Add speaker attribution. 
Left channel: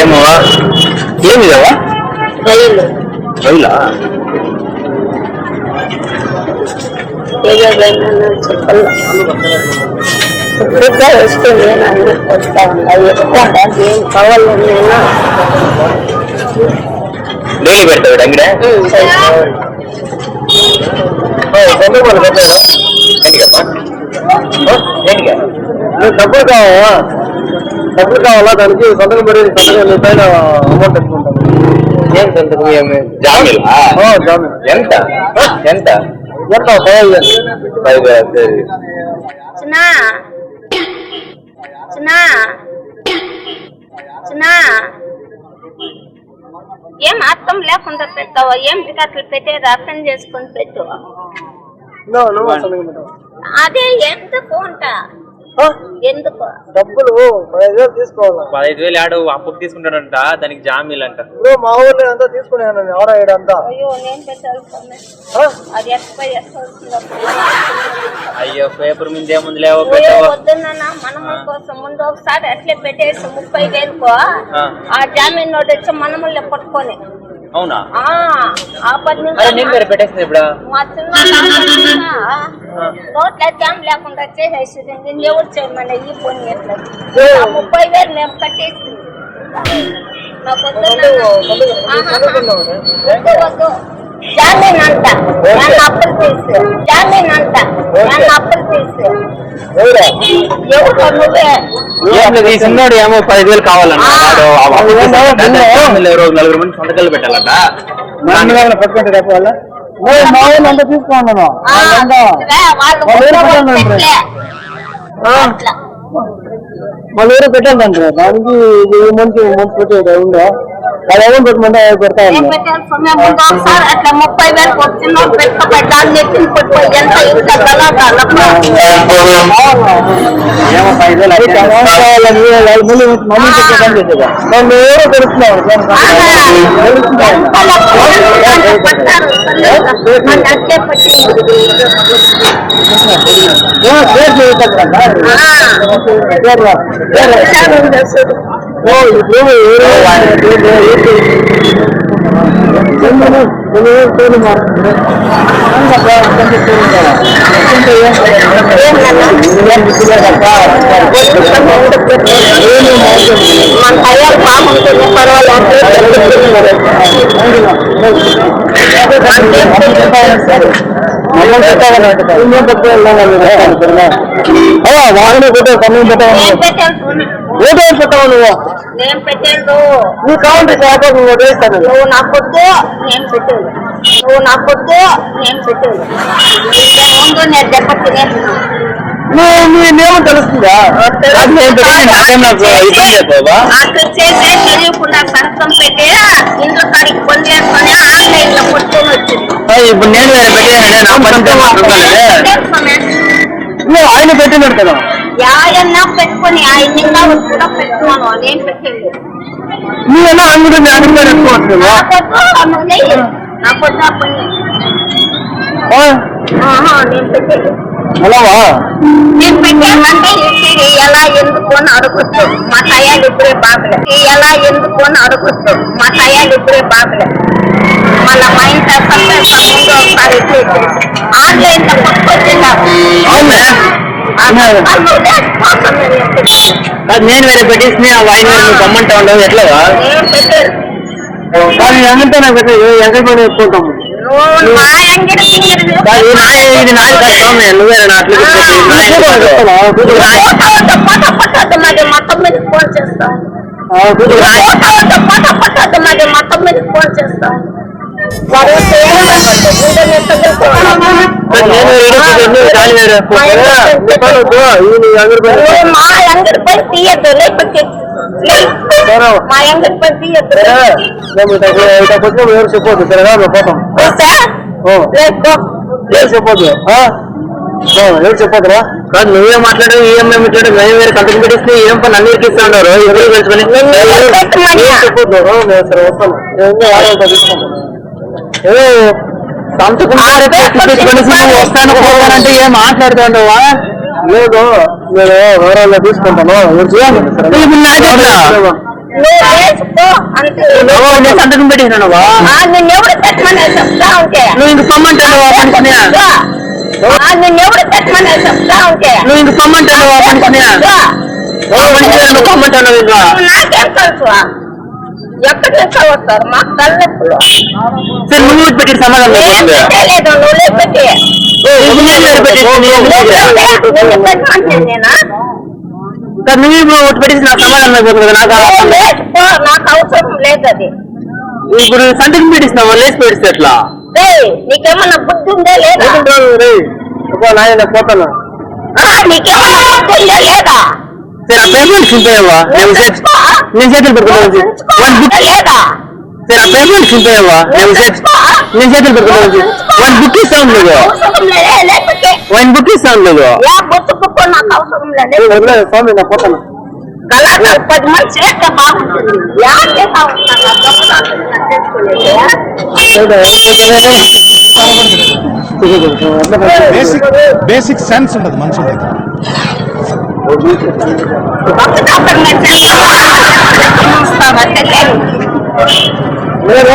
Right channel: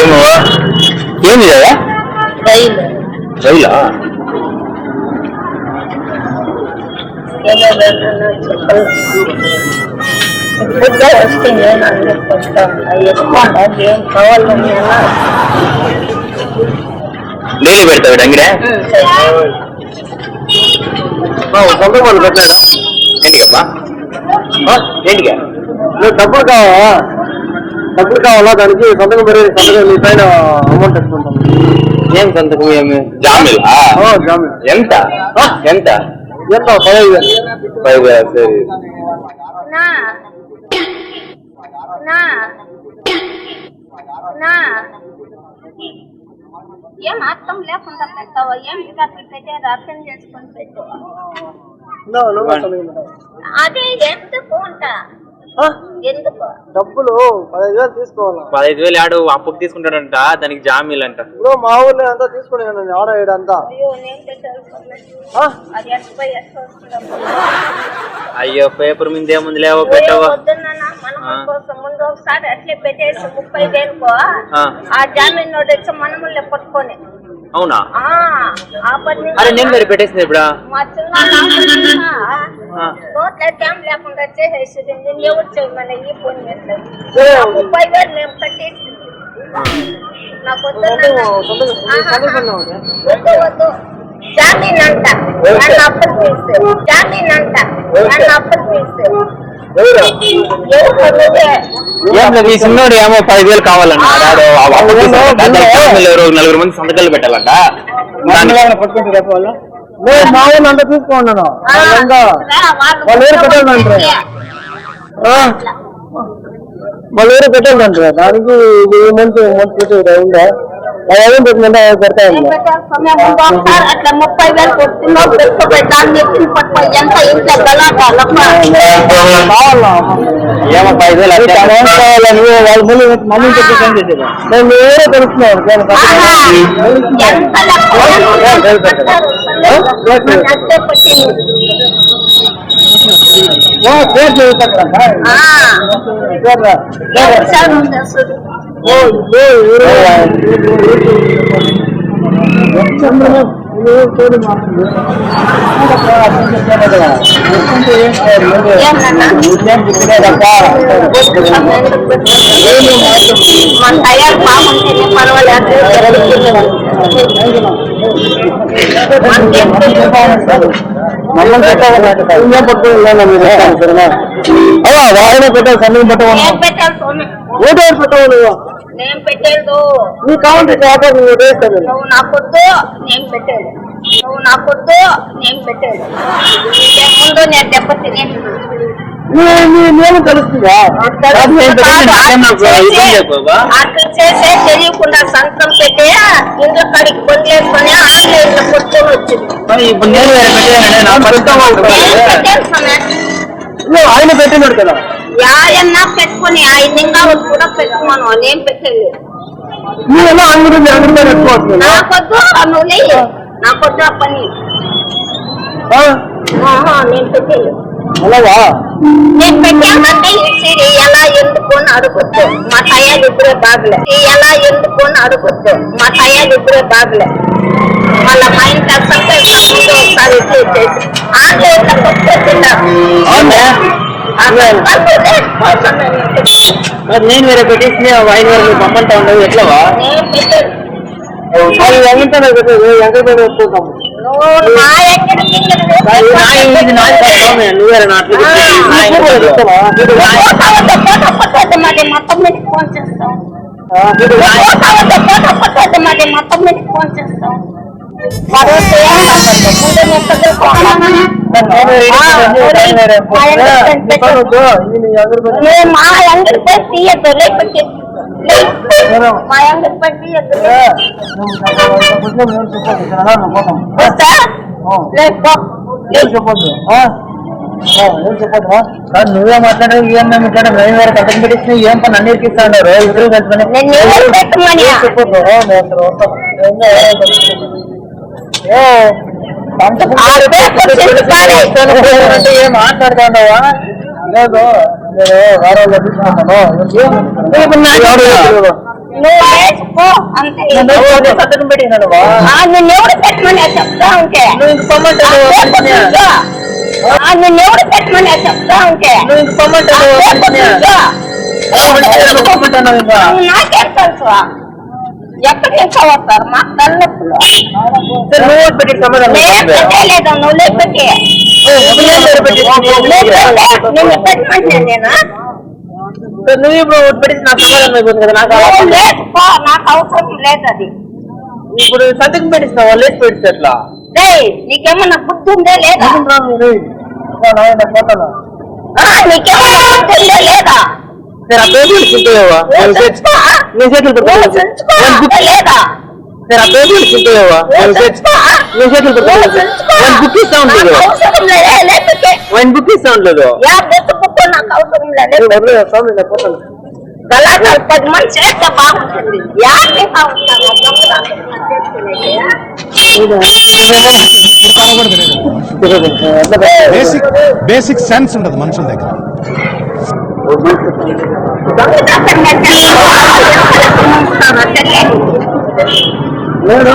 Speaker 1: ఏమో ఏమి కదా
Speaker 2: రైలు
Speaker 1: రైలా
Speaker 2: ఏదేదైనా చెప్పాలి ఇప్పుడుగా వస్తుంది నన్ను వస్తా ఉన్నా ఎక్కడ ఏం కావాలని నేను
Speaker 1: డైలీ పెడతాడు అంగడే సొంత వాళ్ళు పెట్టాడు ఏంటికమ్మా ఏంటికా
Speaker 3: నువ్వు డబ్బులు కావాలా డబ్బులు కావాలా? దానికి సంతకం పెరిగి సంతకం నీ పైన అమౌంట్
Speaker 1: ఏం సంతకం ఏమి జామీలా?
Speaker 3: జామీన్
Speaker 1: ఎంత? ఎంత?
Speaker 3: ఎంత?
Speaker 1: పది వేలు, సరే.
Speaker 2: చిన్నా. చిన్నా. చిన్నా. ఏం అర్థం లేకుండా పెట్టావా? ఏం అట్లా పెట్టేది అర్థం చేసుకొని పెట్టు.
Speaker 3: పెట్టావు?
Speaker 2: అదే
Speaker 3: ఆ?
Speaker 2: ఎందుకు
Speaker 3: డబ్బులు పదహైదు వేలు తీసుకోవాలా?
Speaker 1: పదహైదు వేలు ఆడు అప్పుకు తీసుకుంటాడంట దానికి జామీలు అంట
Speaker 3: ఇప్పుడు మా ఊళ్ళో అంతా ఆడ ఈడ అంతా.
Speaker 2: అయ్యో
Speaker 1: పేపర్ మీద ఏముంది లేవో పెట్టావో.
Speaker 2: ముందు ఒకసారి అట్లే పెట్టేసి ముప్పై వేలుకో
Speaker 1: ఆ.
Speaker 2: జామీన్ నోట్ వచ్చి మనములే పట్టుకొని.
Speaker 1: అవునా? అరే నేను వేరే పెట్టేసింది ఇప్పుడు
Speaker 2: నోట్ల జామ్ లేకుండా చేసేసింది నేను ఎవరు చేయమని ఈ ఆ ముప్పై వేలు మేము కట్టేసి నాకు. వద్దు వద్దు జామీన్ అంట అప్పులు తీసు జామీన్ అప్పులు తీసు
Speaker 1: ఏమో పదివేలు కావాలన్న నలుగురు మంది సంతకాలు పెట్టాలంట
Speaker 3: పట్టుకుంటే రేపు వాళ్ళ నేను మా ఊళ్ళో అంతా తీసుకున్నాను వాళ్ళంతా వాళ్ళు ఊరు పెట్టాలంటారు వాళ్ళు ఊరు పెట్టాలంటారు దానికి ఇది ఈ మంత్ మంత్ పెట్టేది అయిందా ఏమో పెట్టమంటే అవి పెడతా
Speaker 2: ఏం
Speaker 3: ఉంది
Speaker 2: పెట్టాలి సమయం ముందు ఒకసారి అట్లా ముప్పై వేలకు పట్టుకో ఎంత
Speaker 3: అది మమ్మీ ఎవరో తెలుస్తున్నాను పేరు
Speaker 2: ఆ.
Speaker 3: పేర్రా పేరు
Speaker 2: విషయాలు ఉంది అసలు.
Speaker 3: ఓ ఇప్పుడు ఎవరో చంద్రుడు నేను పేరు మారుతుంది
Speaker 2: ఏం నాన్న? మన తయారు బాగుంటుంది పర్వాలేదు
Speaker 3: అయ్యా వాహన పెట్టే సమయం పెట్టావు
Speaker 2: ఏం పెట్టాలి నేను పెట్టేది.
Speaker 3: నీ కావాలంటే చేత నువ్వు వేస్తాను
Speaker 2: నువ్వు నా పొద్దు నేను పెట్టేది. నువ్వు నా పొద్దు నేను పెట్టేది. ఇంతకు ముందు నేను దెబ్బ తినేది.
Speaker 3: నీ నీ నియమం తెలుస్తుందా?
Speaker 1: కాదు, నేను
Speaker 2: చేసే తెలియకుండా సంతకం పెట్టి ఇంట్లో కాడికి పొందేసుకొని ఆన్లైన్లో కొట్టుకొని వచ్చింది.
Speaker 1: ఇప్పుడు
Speaker 3: ఆయన పెట్టినాడు కదా.
Speaker 2: యాయన్నా పెట్టుకొని ఆయన ఇంకా కూడా పెట్టుకున్నాను నేను పెట్టేది
Speaker 3: నువ్వేనా అంగడి అంగడి మీద ఎక్కువ
Speaker 2: నా పొద్దు నువ్వు నెయ్యి నా పొద్దు ఆ పని ఆహా, నేను పెట్టేది
Speaker 3: అలావా
Speaker 2: నేను పెట్టామంటే ఇది ఎలా ఎందుకు అని అడగొచ్చు మా టయాలు ఇప్పుడే బాగలే ఇది ఎలా ఎందుకు అని అడగొచ్చు మా
Speaker 1: నేను వేరే పెట్టేసి ఆయన వేరే నువ్వు గమ్మంటా ఉండవు. ఎట్లవా?
Speaker 3: అది ఎంగంటే పెట్టేది.
Speaker 1: నువ్వేరే
Speaker 2: మొత్తం మీద ఫోన్ చేస్తాం మాది మొత్తం మీద ఫోన్ చేస్తాం వాడు వస్తే ఏం మాట్లాడతాడు? ముందు నేను తగులుకోవాలమ్మా. నువ్వు మా అంగడి పై తీయద్దు లేకపోతే లే. మా అంగడి పై తీయద్దు
Speaker 3: ఎవరు చెప్పొద్దు సరేనా మేము పోతాం
Speaker 2: చూసా
Speaker 3: ఓ.
Speaker 2: లేదు
Speaker 3: ఎవరు చెప్పొద్దు ఆ? ఓ, ఎవరు చెప్పొద్దురా
Speaker 1: కాదు నువ్వే మాట్లాడు ఏం మేము ఇట్లా మేము వేరే కంపెనీ పెట్టిస్తే ఏం పని అన్ని ఇట్లా ఇస్తా ఉన్నారు ఇద్దరు కలుసుకొని
Speaker 2: నేను ఎవరు పెట్టమనియా
Speaker 3: చెప్పొద్దు ఓ, నేను సరే వస్తాను ఏందో తీసుకుంటాను
Speaker 1: ఏ, సంతకం
Speaker 2: ఆ
Speaker 1: పెట్టి
Speaker 2: పేపర్
Speaker 1: పెట్టుకొని
Speaker 2: చెప్పాలి.
Speaker 1: వస్తాను పోతానంటే ఏం మాట్లాడుతా ఉండవా
Speaker 3: లేదు నేను వారాల్లో తీసుకుంటాను. ఎవరు చెప్పొద్దు సరేనా?
Speaker 1: ఇప్పుడు నా
Speaker 3: ఎవరు
Speaker 1: చెప్పనా?
Speaker 3: చెప్పలేదు.
Speaker 2: నువ్వు వేసుకో అంతే.
Speaker 1: నువ్వు నేను సంతకం పెట్టినావా
Speaker 2: ఆ, నిన్నెవడు పెట్టమని చెప్తా ఉంటే.
Speaker 1: నువ్వు ఇంక.
Speaker 2: ఆ, నిన్నెవడు పెట్టమని చెప్తా ఉంటే.
Speaker 1: నువ్వు ఇంక ఇంకా
Speaker 2: నువ్వు నాకేం తెలుసు? ఎక్కడి నుంచి వస్తారు? మా తల్లెప్పులు
Speaker 1: సరే నువ్వు పెట్టి సమాధానం
Speaker 2: నువ్వు
Speaker 1: లేదు
Speaker 2: నువ్వు. పెట్టే, నిన్ను పెట్టమంటే నేనా?
Speaker 1: సరే నువ్వు ఇప్పుడు పెట్టేసి నాకు సమాధానం అయిపోతుంది నాకు అవసరం లేదు.
Speaker 2: లేచిపో నాకు అవసరం లేదు అది.
Speaker 1: ఇప్పుడు సంతకం పెట్టిస్తున్నావా లేచి పెట్టిస్తే ఎట్లా?
Speaker 2: రే నీకేమన్నా బుద్ధి ఉందే లేదా?
Speaker 3: నాయన పోతాను?
Speaker 2: ఆ, నీకేమన్నా బుద్ధి ఉందే లేదా?
Speaker 1: ఆ పేమెంట్ చింతేవా నేను నేను చేతులు
Speaker 2: లేదా
Speaker 1: ఆ పేమెంట్ చింతేవా నేను నేను చేతులు పెట్టుకోలేదు వన్ బుక్ ఇస్తాను లేదు వన్
Speaker 2: బుక్కు అవసరం లేదు
Speaker 3: స్వామి నా పోతాను
Speaker 2: గలాటాలు పది మంది చేస్తే బాగుంటుంది యాకే బాగుంటుంది
Speaker 4: బేసిక్ బేసిక్ సెన్స్ ఉండదు మనుషుల దగ్గర
Speaker 3: నేను